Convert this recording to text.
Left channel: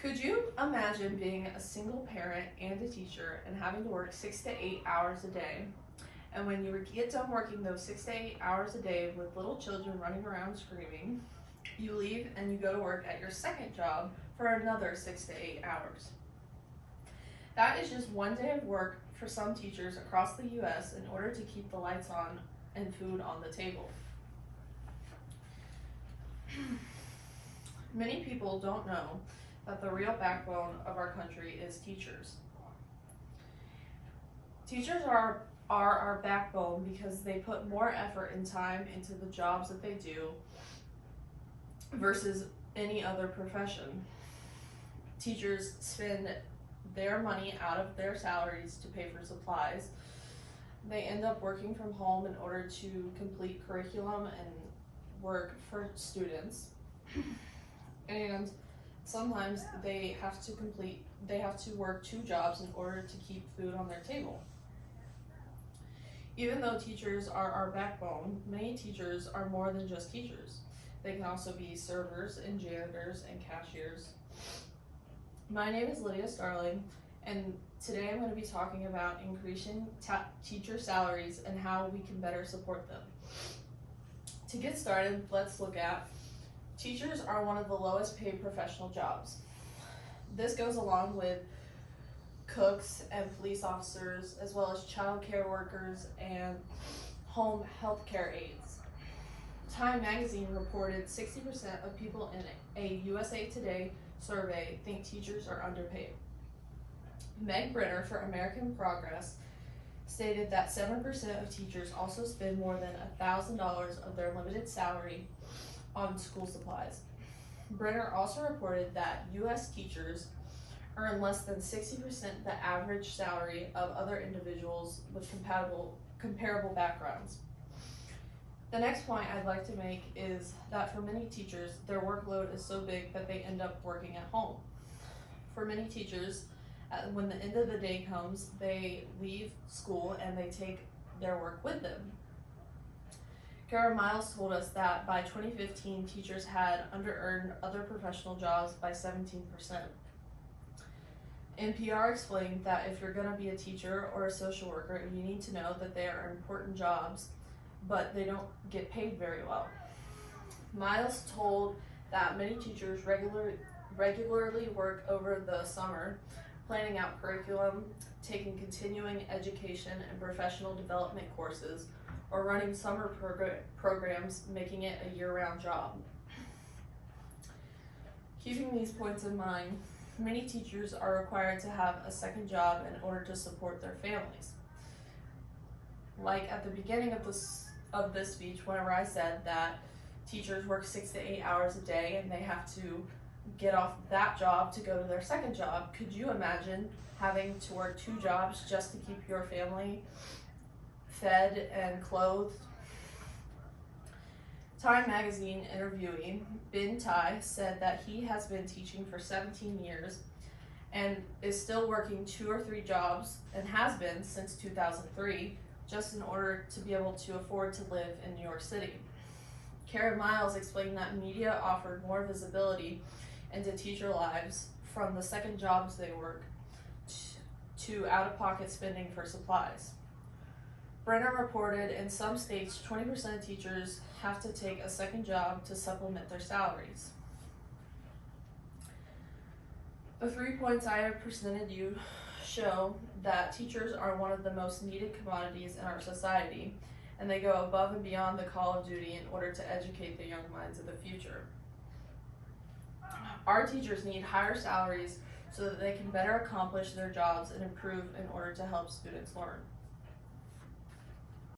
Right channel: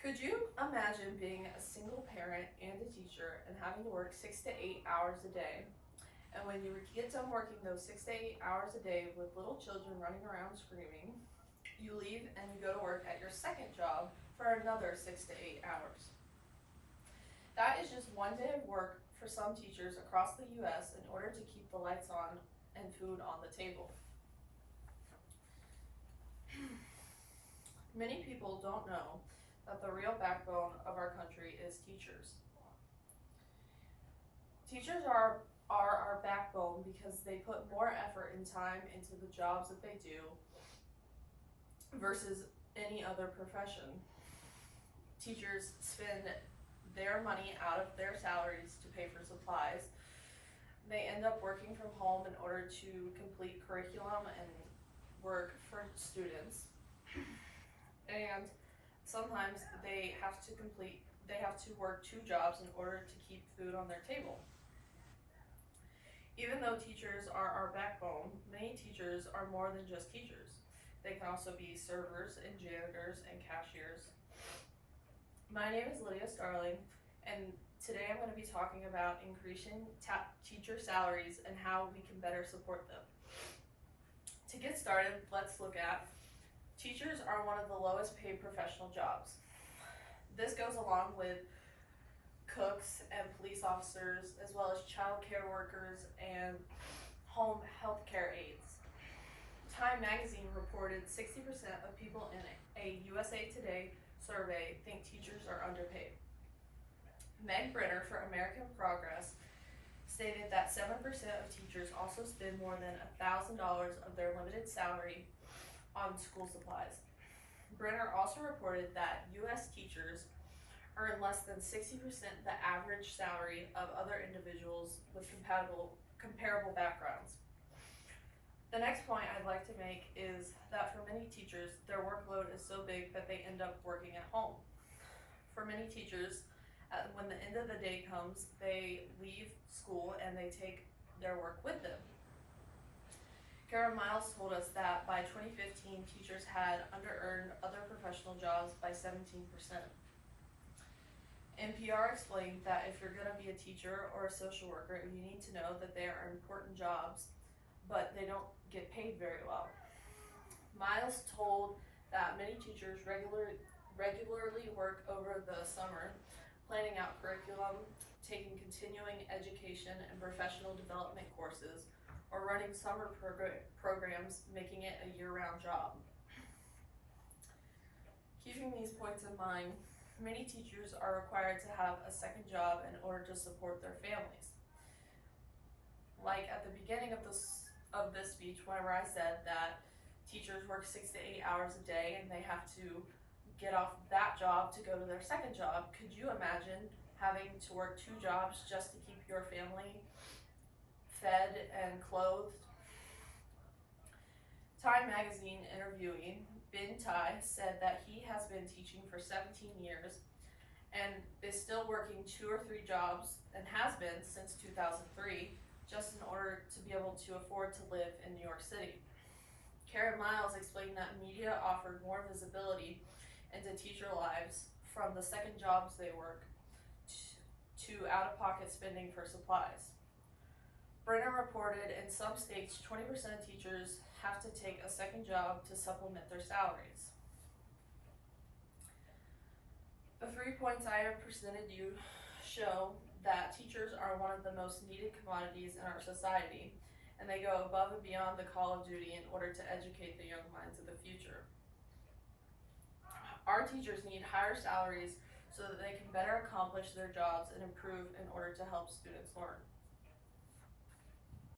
Could you imagine being a single parent and a teacher and having to work 6 to 8 hours a day? And when you get done working those 6 to 8 hours a day with little children running around screaming, you leave and you go to work at your second job for another 6 to 8 hours. That is just one day of work for some teachers across the US in order to keep the lights on and food on the table. Many people don't know that the real backbone of our country is teachers. Teachers are our backbone because they put more effort and time into the jobs that they do versus any other profession. Teachers spend their money out of their salaries to pay for supplies. They end up working from home in order to complete curriculum and work for students. And sometimes they have to work two jobs in order to keep food on their table. Even though teachers are our backbone, many teachers are more than just teachers. They can also be servers and janitors and cashiers. My name is Lydia Starling, and today I'm going to be talking about increasing teacher salaries and how we can better support them. To get started, let's look at teachers are one of the lowest paid professional jobs. This goes along with cooks and police officers, as well as child care workers and home health care aides. Time magazine reported 60% of people in a USA Today survey think teachers are underpaid. Meg Brenner for American Progress stated that 7% of teachers also spend more than $1,000 of their limited salary on school supplies. Brenner also reported that US teachers earn less than 60% the average salary of other individuals with comparable backgrounds. The next point I'd like to make is that for many teachers, their workload is so big that they end up working at home. For many teachers, when the end of the day comes, they leave school and they take their work with them. Kara Miles told us that by 2015, teachers had under-earned other professional jobs by 17%. NPR explained that if you're going to be a teacher or a social worker, you need to know that they are important jobs, but they don't get paid very well. Miles told that many teachers regularly work over the summer, planning out curriculum, taking continuing education and professional development courses, or running summer programs, making it a year-round job. Keeping these points in mind, many teachers are required to have a second job in order to support their families. Like at the beginning of this speech, whenever I said that teachers work 6 to 8 hours a day and they have to get off that job to go to their second job, could you imagine having to work two jobs just to keep your family fed and clothed? Time magazine interviewee Ben Tai said that he has been teaching for 17 years and is still working 2 or 3 jobs and has been since 2003 just in order to be able to afford to live in New York City. Kara Miles explained that media offered more visibility into teacher lives from the second jobs they work to out-of-pocket spending for supplies. Brenner reported in some states 20% of teachers have to take a second job to supplement their salaries. The 3 points I have presented you show that teachers are one of the most needed commodities in our society, and they go above and beyond the call of duty in order to educate the young minds of the future. Our teachers need higher salaries so that they can better accomplish their jobs and improve in order to help students learn.